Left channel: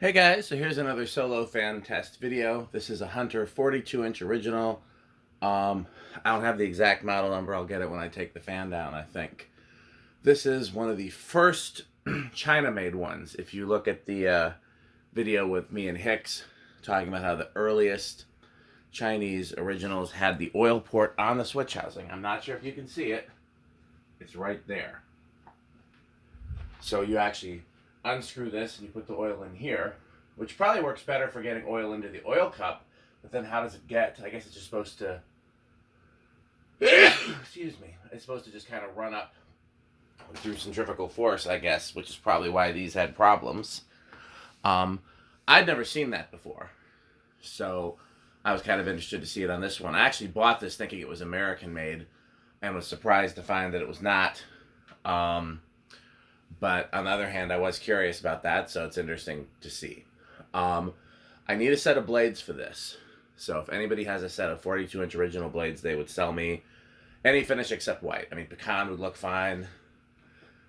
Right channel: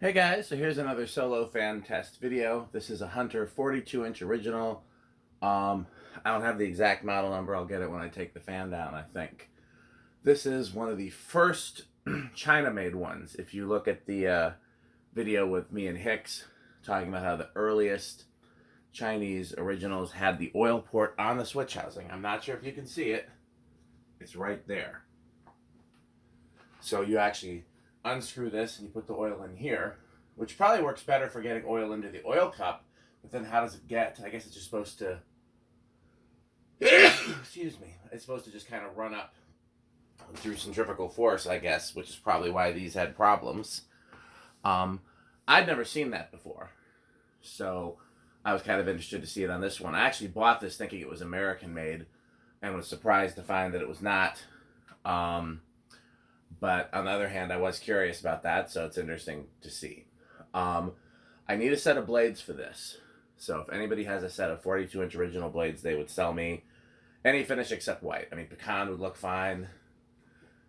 Hey guys, so here's another solo fan test video. This is a Hunter 42-inch original. I don't have the exact model number. I'll get it when I take the fan down, I think. This is one of the first China-made ones. If you look at the video with me and Hicks talking about how the earliest Chinese originals had the oil port on the switch housing. I'm not sure if you can see it. It's right there. So you actually unscrew this and you put the oil in here, which probably works better for getting oil into the oil cup. But then how does it get? I guess it's just supposed to, excuse me, it's supposed to just kind of run up through centrifugal force, I guess, which is probably why these had problems. I'd never seen that before. So I was kind of interested to see it on this one. I actually bought this thinking it was American made and was surprised to find that it was not. But on the other hand, I was curious about that, so it's interesting to see. I need a set of blades for this. So if anybody has a set of 42-inch original blades, they would sell me any finish except white. I mean, pecan would look fine.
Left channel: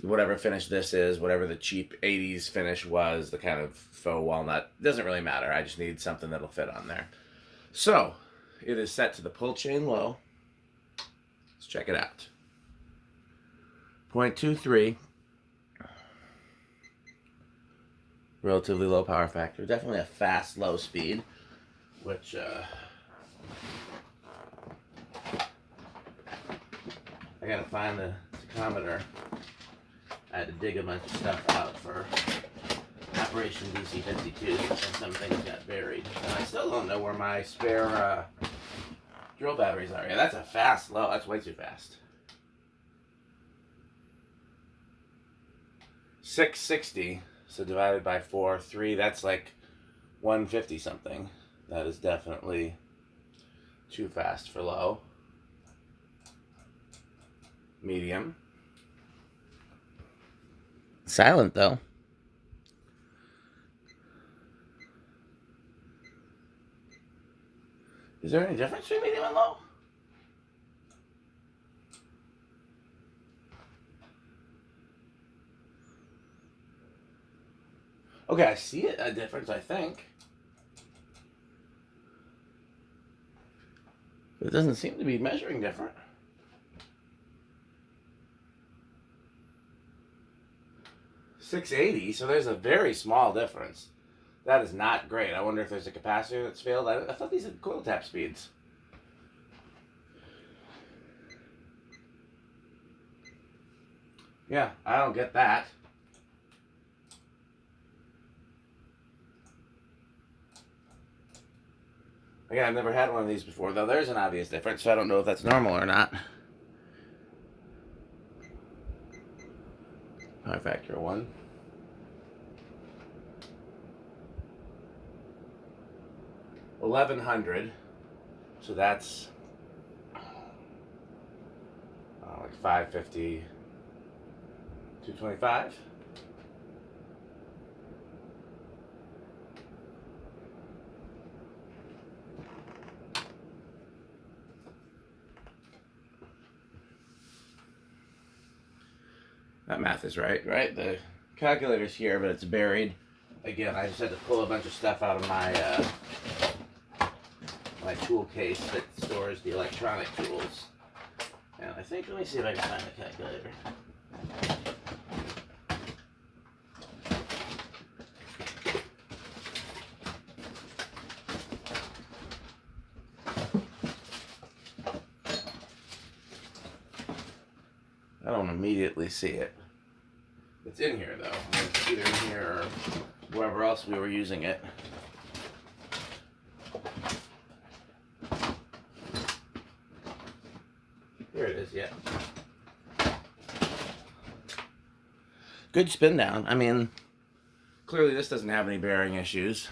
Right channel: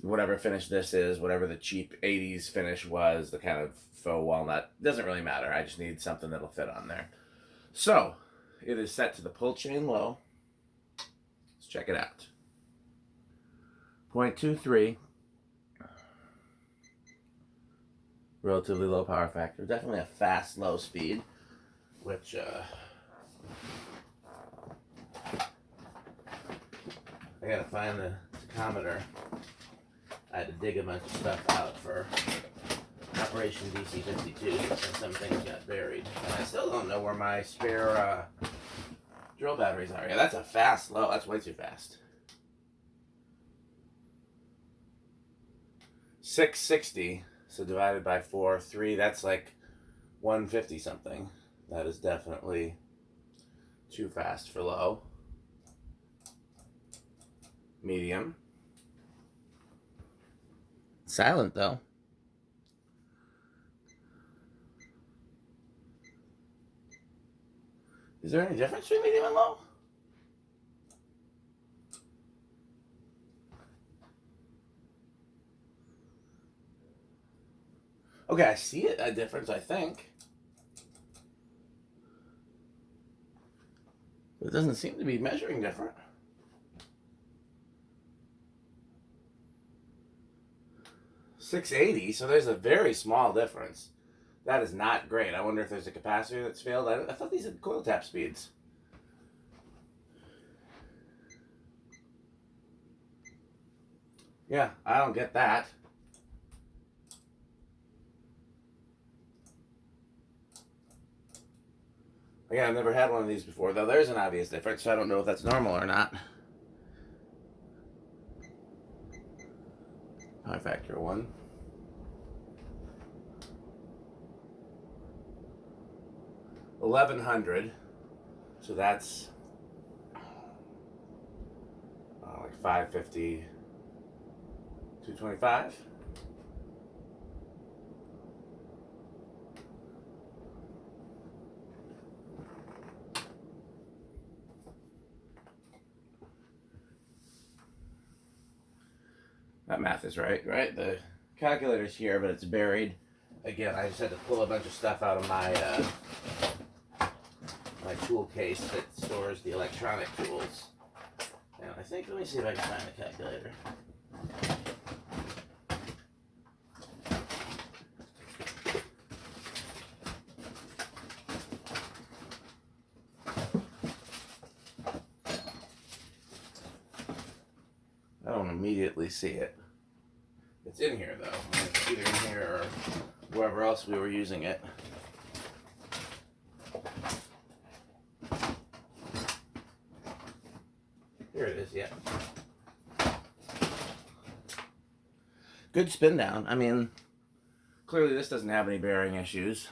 Whatever finish this is, whatever the cheap 80s finish was, the kind of faux walnut, doesn't really matter. I just need something that'll fit on there. So it is set to the pull chain low. Let's check it out. 0.23. Relatively low power factor. Definitely a fast, low speed, which I gotta find the tachometer. I had to dig a bunch of stuff out for Operation DC-52, and some things got buried. And I still don't know where my spare drill batteries are. Yeah, that's a fast low. That's way too fast. 660. So divided by 4, 3, that's like 150 something. That is definitely too fast for low. Medium. Silent though. Is there any difference between medium and low? Okay, I see a difference, I think. But it doesn't seem to be measuring different. .680, so there's a very small difference. That is not great. I wonder if there's a capacitor that's failed. I thought these had coil tap speeds. Yeah, I don't get that. Again, I've never had one of these before, though there's an obvious difference, so I don't know if that's normal or not. Power factor 1. $1,100. So that's like 550, 225. That math is right? The calculator's here, but it's buried. Again, I just had to pull a bunch of stuff out of my my tool case that stores the electronic tools. And I think, let me see if I can find the calculator. I don't immediately see it. It's in here though. It's either in here or wherever else we were using it. Here it is, yeah. Good spin down. I mean, clearly this doesn't have any bearing issues.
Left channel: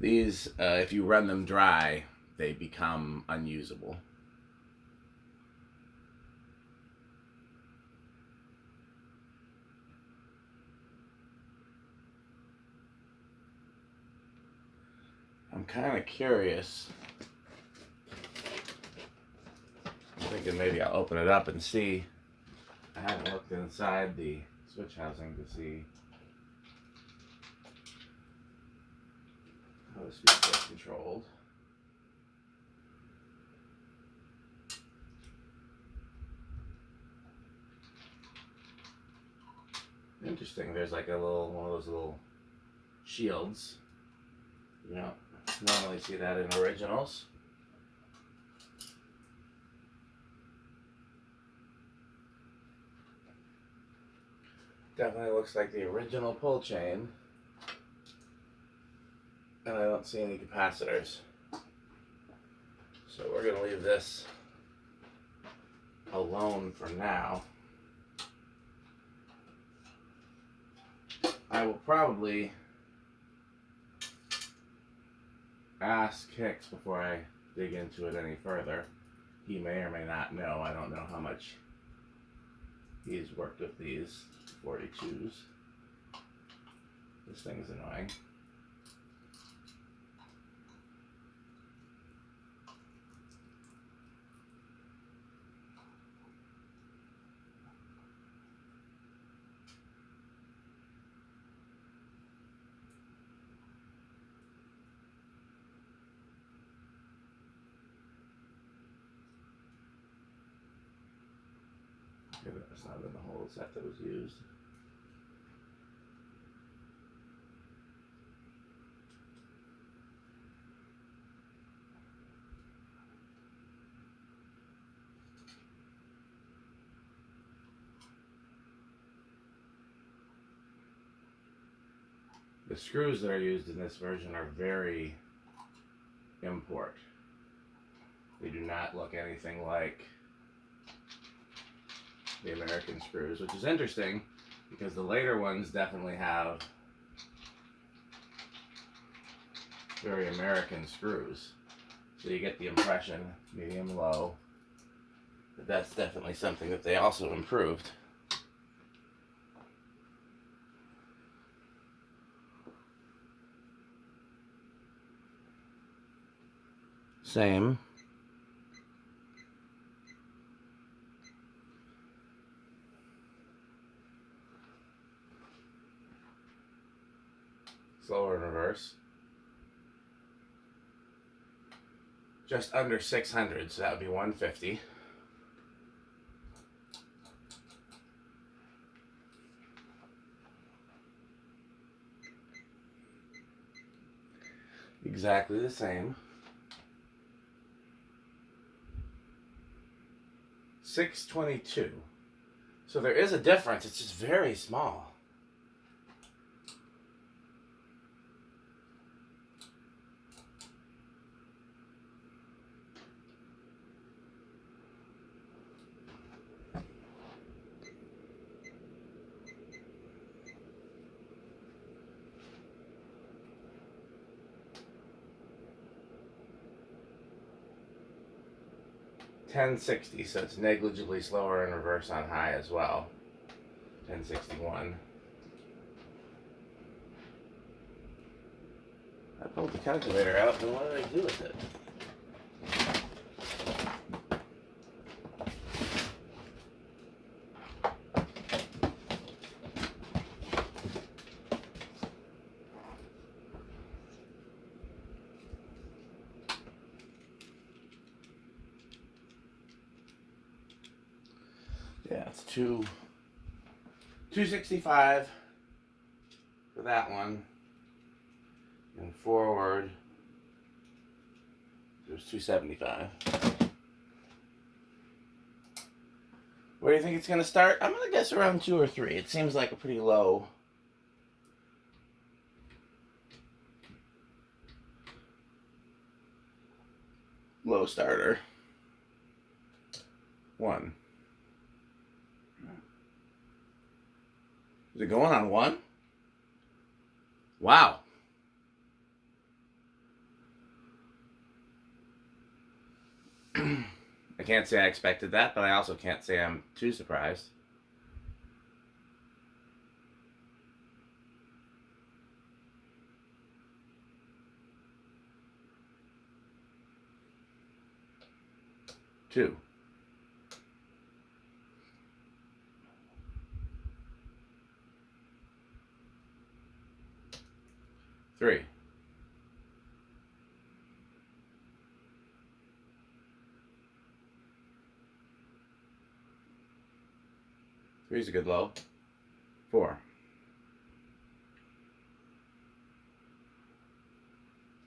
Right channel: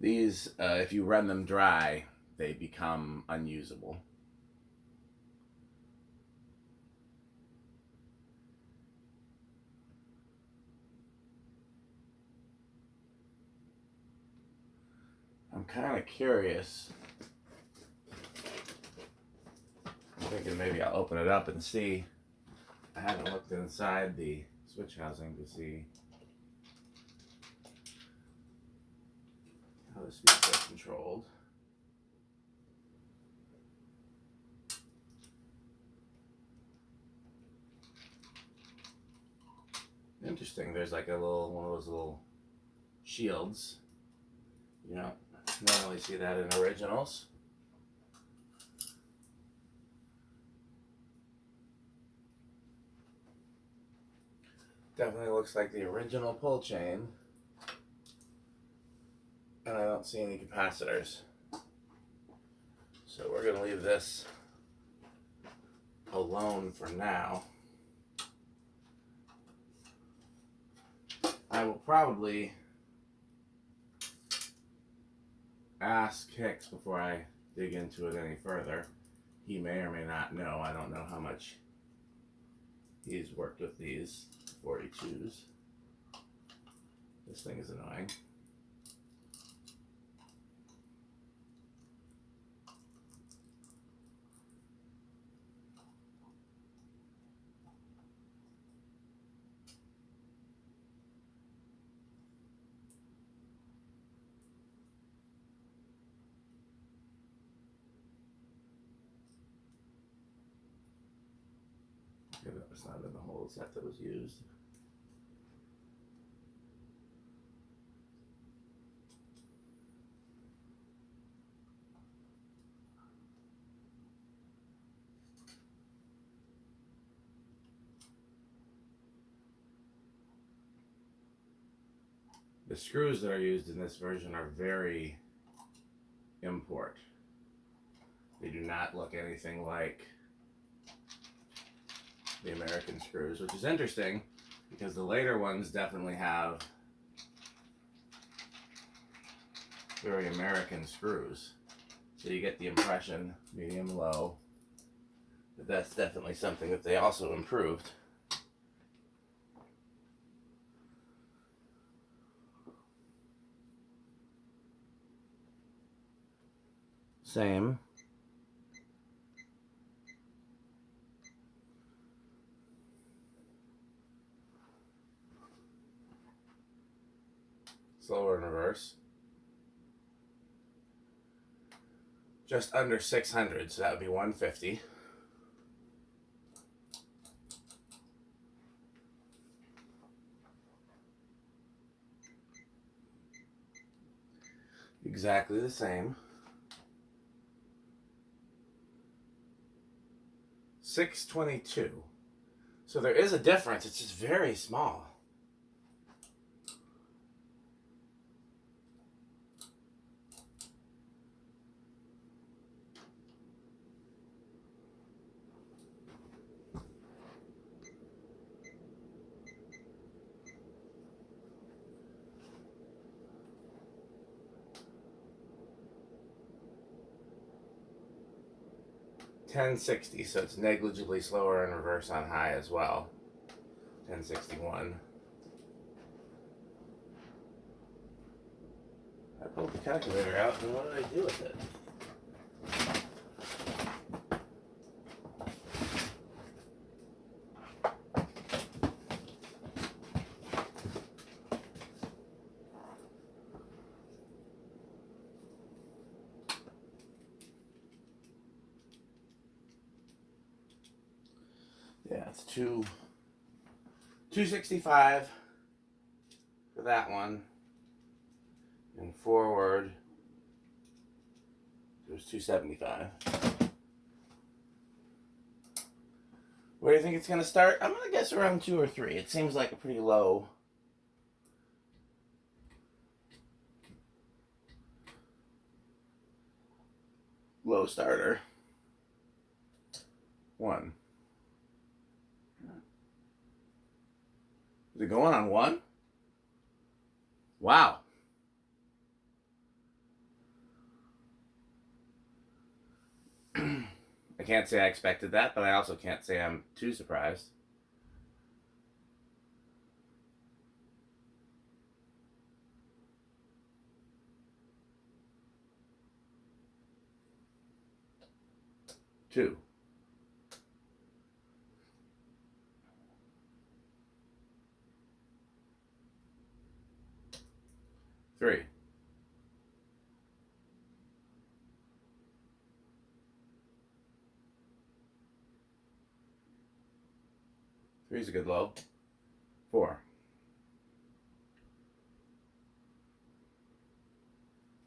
These, if you run them dry, they become unusable. I'm kind of curious. I think thinking maybe I'll open it up and see. I haven't looked inside the switch housing to see how the speeds get controlled. Interesting, there's like a little, one of those little shields. You don't normally see that in originals. Definitely looks like the original pull chain. And I don't see any capacitors. So we're going to leave this alone for now. I will probably ask Hicks before I dig into it any further. He may or may not know. I don't know how much he's worked with these 42s. This thing is annoying. Okay, that's not in the whole set that was used. The screws that are used in this version are very import. They do not look anything like the American screws, which is interesting because the later ones definitely have very American screws. So you get the impression, medium, low, that that's definitely something that they also improved. Same. Slower in reverse. Just under 600, so that would be 150. Exactly the same. 622. So there is a difference, it's just very small. $1060, so it's negligibly slower in reverse on high as well. 1061. I pulled the calculator out, and what did I do with it? Yeah, it's 265 for that one, and forward there's 275. Where do you think it's going to start? I'm going to guess around 2 or 3. It seems like a pretty low starter. 1. Is it going on 1? Wow. I can't say I expected that, but I also can't say I'm too surprised. Two. 3. Three's a good low. 4.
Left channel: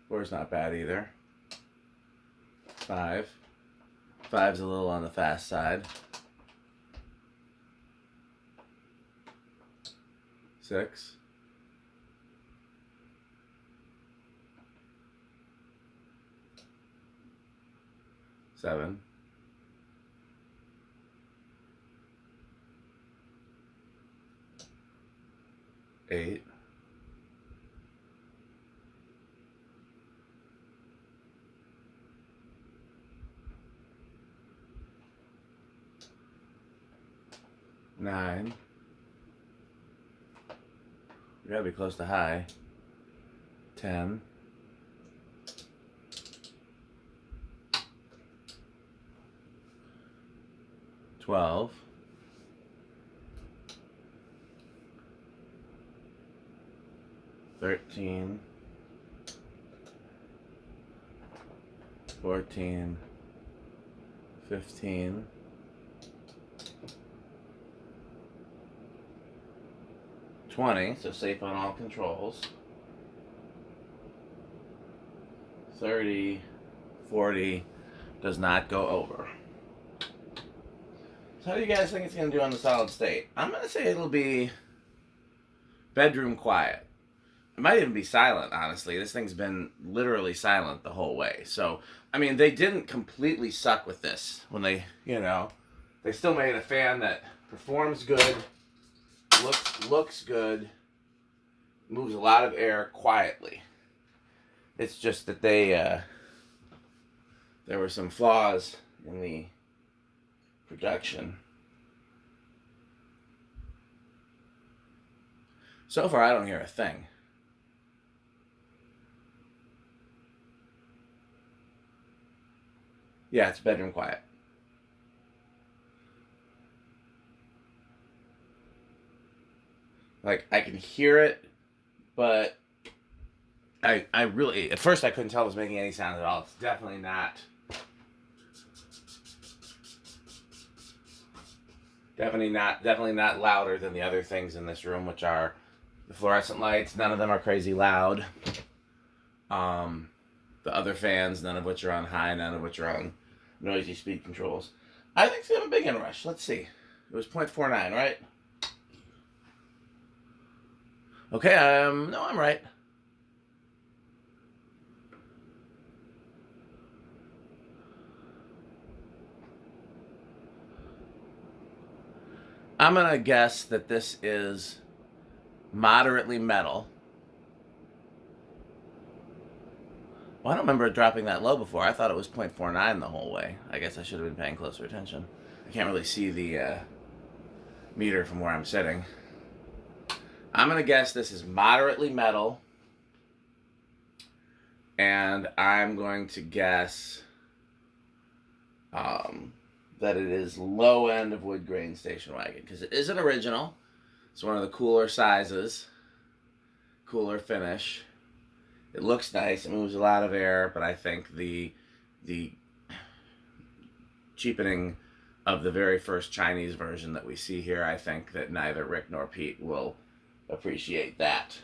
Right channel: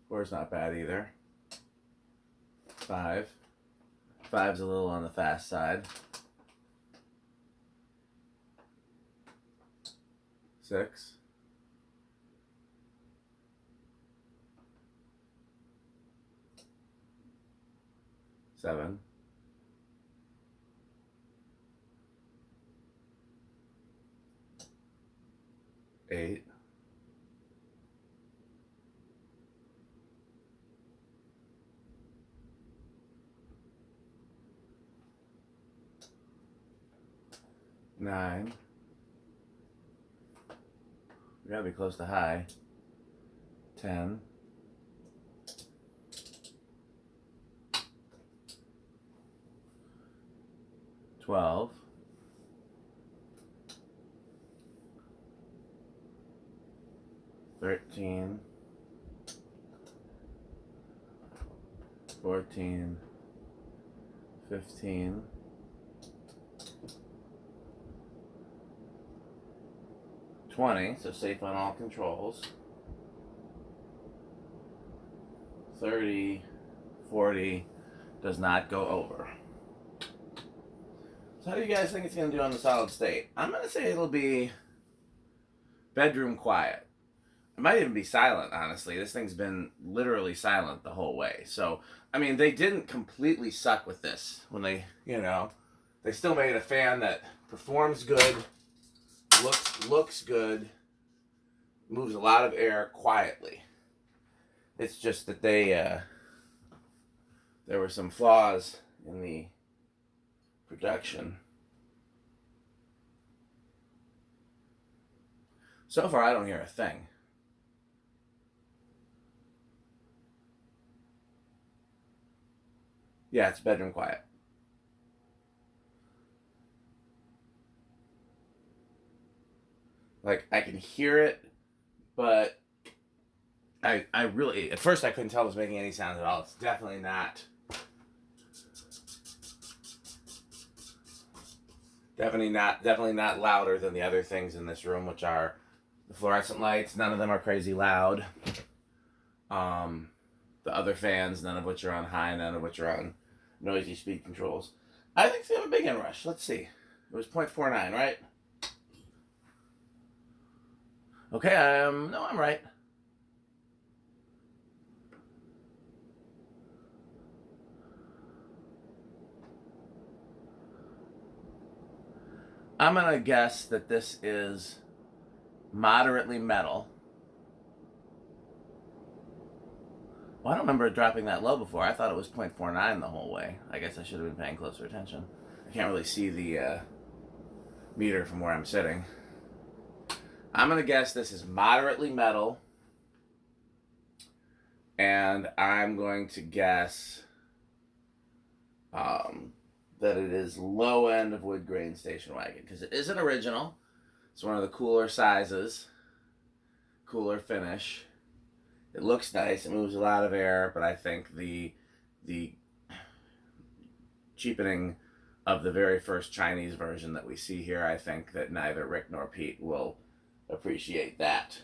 4's not bad either. 5. 5's a little on the fast side. 6. 7. 8. 9. We gotta be close to high. 10. 12. 13. 14. 15. 20, so safe on all controls. 30, 40, does not go over. So how do you guys think it's going to do on the solid state? I'm going to say it'll be bedroom quiet. It might even be silent, honestly. This thing's been literally silent the whole way. So, I mean, they didn't completely suck with this when they, they still made a fan that performs good, looks good, moves a lot of air quietly. It's just that there were some flaws in the production. So far, I don't hear a thing. Yeah, it's bedroom quiet. Like, I can hear it, but I really, at first I couldn't tell it was making any sound at all. It's definitely not louder than the other things in this room, which are the fluorescent lights. None of them are crazy loud. The other fans, none of which are on high, none of which are on noisy speed controls. I think they have a big inrush. Let's see. It was 0.49, right? Okay, no, I'm right. I'm going to guess that this is moderately metal. Well, I don't remember it dropping that low before. I thought it was 0.49 the whole way. I guess I should have been paying closer attention. I can't really see the meter from where I'm sitting. I'm going to guess this is moderately metal. And I'm going to guess that it is low end of wood grain station wagon, because it is an original. It's one of the cooler sizes, cooler finish. It looks nice. It moves a lot of air, but I think the cheapening of the very first Chinese version that we see here, I think that neither Rick nor Pete will appreciate that.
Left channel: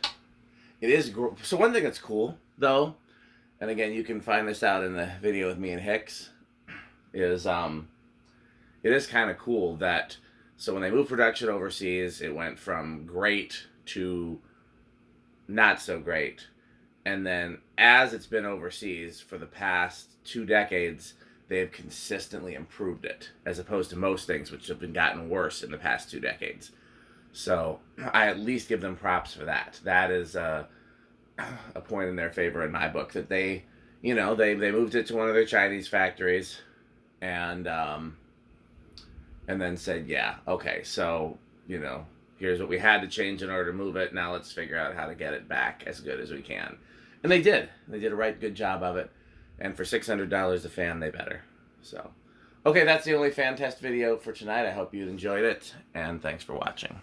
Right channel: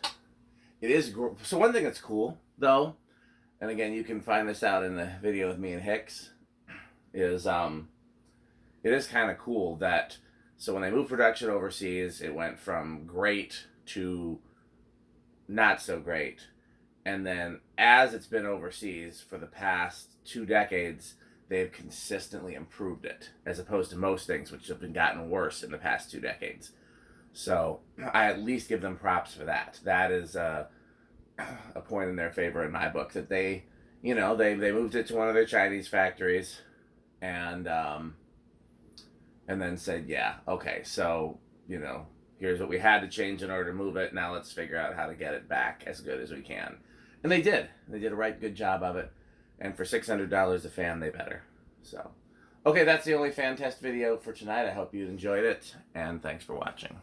It is so. One thing that's cool though, and again you can find this out in the video with me and Hicks, is it is kind of cool that, so when they moved production overseas, it went from great to not so great. And then as it's been overseas for the past 2 decades, they've consistently improved it, as opposed to most things which have been gotten worse in the past 2 decades. So I at least give them props for that. That is a point in their favor in my book, that they moved it to one of their Chinese factories, and then said, yeah, okay, so, here's what we had to change in order to move it. Now let's figure out how to get it back as good as we can. And they did. They did a good job of it. And for $600 a fan, they better. So, okay, that's the only fan test video for tonight. I hope you enjoyed it, and thanks for watching.